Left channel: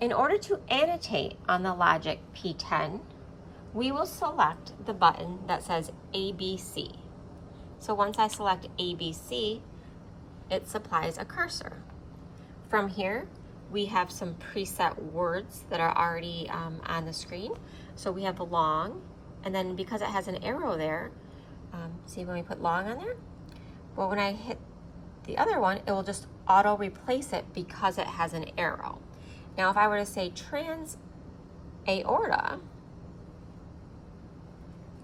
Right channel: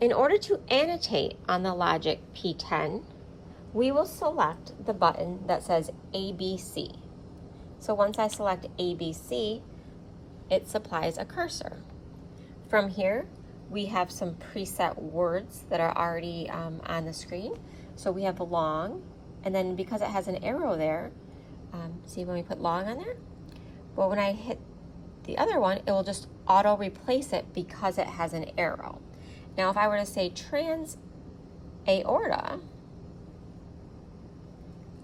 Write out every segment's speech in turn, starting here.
In order to annotate on the LOGIQ P10, we will select the button that says ABC. So once I select ABC, it supplies a cursor. From here, we have some preset words that are already on the screen. So we have long, and then because it has an arrow there, see when we put long on there? Well, when I hit the other one, it will just auto replace it because it has an arrow. Now, if I were to say trans aorta,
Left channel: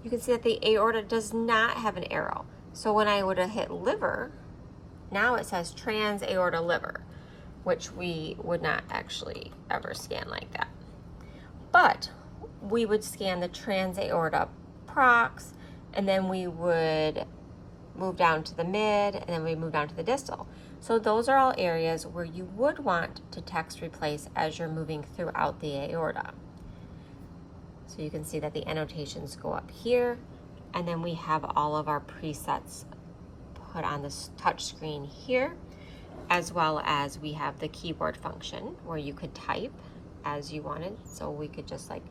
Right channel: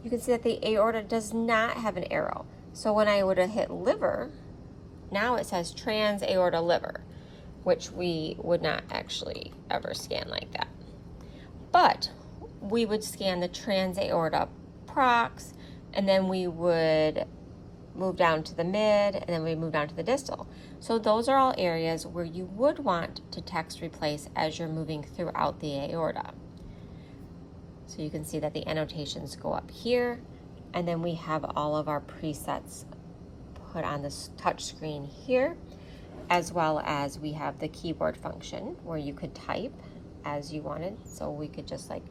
you can see that the aorta does not have an arrow. So when I would have hit liver, now it says trans aorta liver, which we would not actually ever scan like that. But we would scan the trans aorta prox, and then we would move down to the mid, and then we move down to the distal. So those are all areas where you would want to text replace as you're moving throughout the aorta. So you can see that the annotations go up here, and then we have all of our presets put on this touch screen here, as well as we have the keyboard function where you could type as you wanted. So we could just like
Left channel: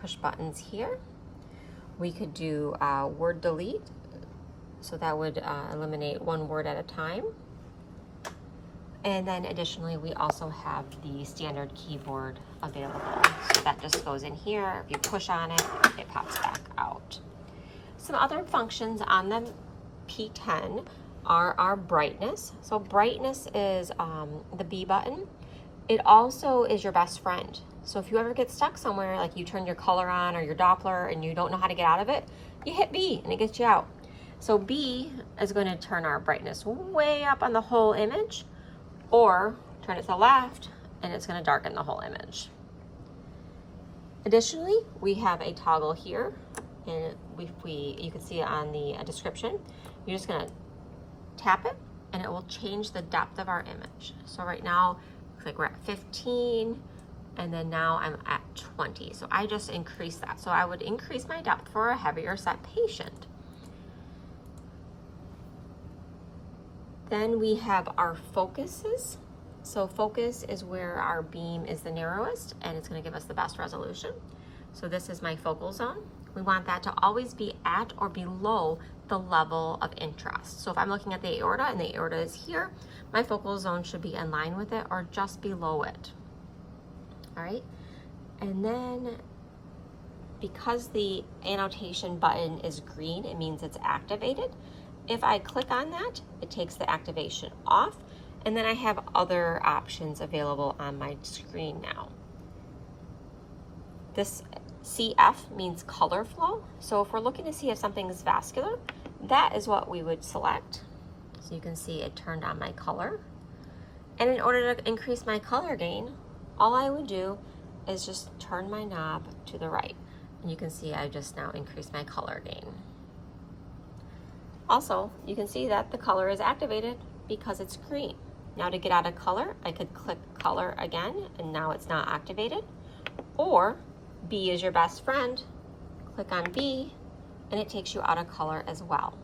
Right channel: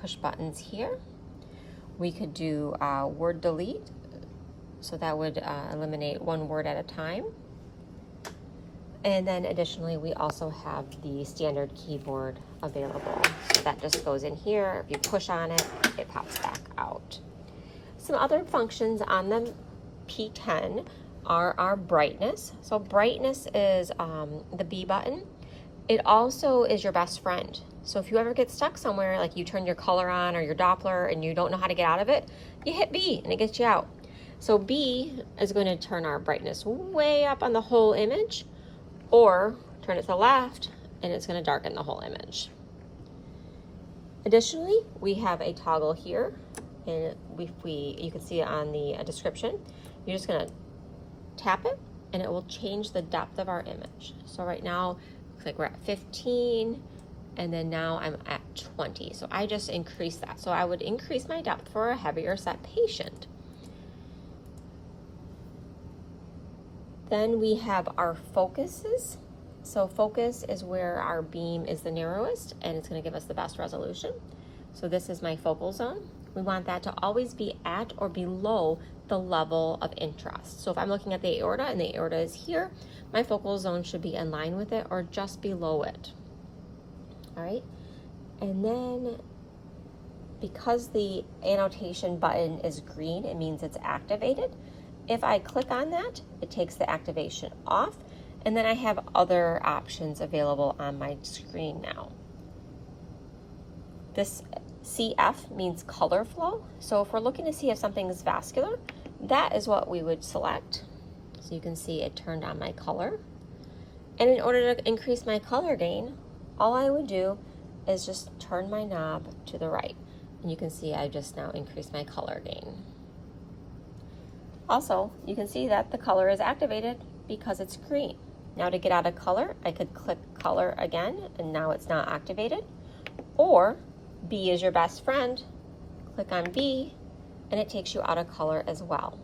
push buttons here. We could do word delete, so that would eliminate one word at a time. And then additionally, we also have the standard keyboard available. So that just goes in here. If you push on it, it pops back out. Some other functions on the P10 are our brightness. So brightness is the B button. It also is your best friend. So if you ever get stuck somewhere, like you turn your color on or your Doppler and you don't know how to get out of it, you hit B and it gets you out. So B is going to turn our brightness way up on the whole image, or turn it to the left and it's going to darken the whole image. Additionally, we have a toggle here, and you can see it on the description. You're just going to tap it and it will change the depth of our image. So right now, looks like we're at 15, and then now I'm at 20. So I just increased that. So I would increase my depth for a heavier set patient. Then we have our focuses. So focus is where our beam is the narrowest, and it's going to give us the best resolution. So this is my focal zone. We want that to always be at or below the level of interest. So if I'm looking at the aorta and the aorta is here, my focal zone should be in line with it or just below it. All right. And then because the annotation button is green, it means it's activated. If I click on that, it takes the activation off, and then I have other options available on my screen now. This CF means color flow. So if we're looking to see if something is vascular, that is what we would select. So you can see it turned on my color. And in order to increase my color gain, all I would do is just turn my knob to the right. And you can see I just now increased my color gain. Also, you can see that the color is activated because it's green. Now to get out of color, I could click color again, and now it's not activated. Or B is your best friend, click on B, and it takes you out of color as well.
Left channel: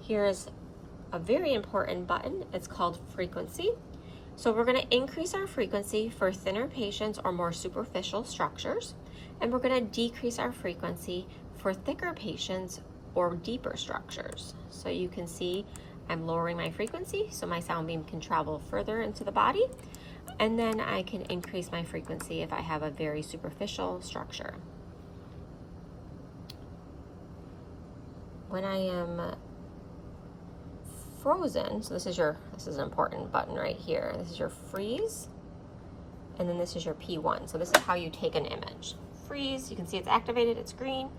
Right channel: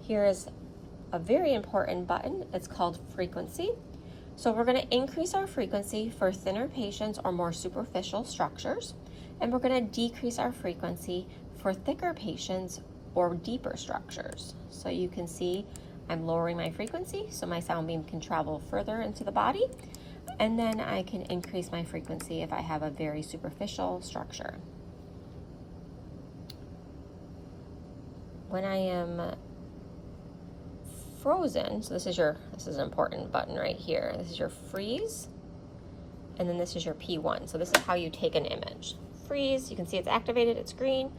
Here is a very important button. It's called frequency. So we're going to increase our frequency for thinner patients or more superficial structures, and we're going to decrease our frequency for thicker patients or deeper structures. So you can see I'm lowering my frequency so my sound beam can travel further into the body, and then I can increase my frequency if I have a very superficial structure. When I am frozen, so this is an important button right here. This is your freeze, and then this is your P1. So this is how you take an image. Freeze, you can see it's activated, it's green,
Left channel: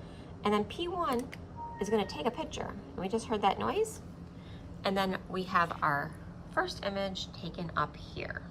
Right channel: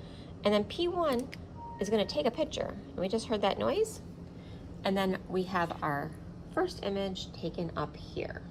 and then P1 is going to take a picture. We just heard that noise, and then we have our first image taken up here.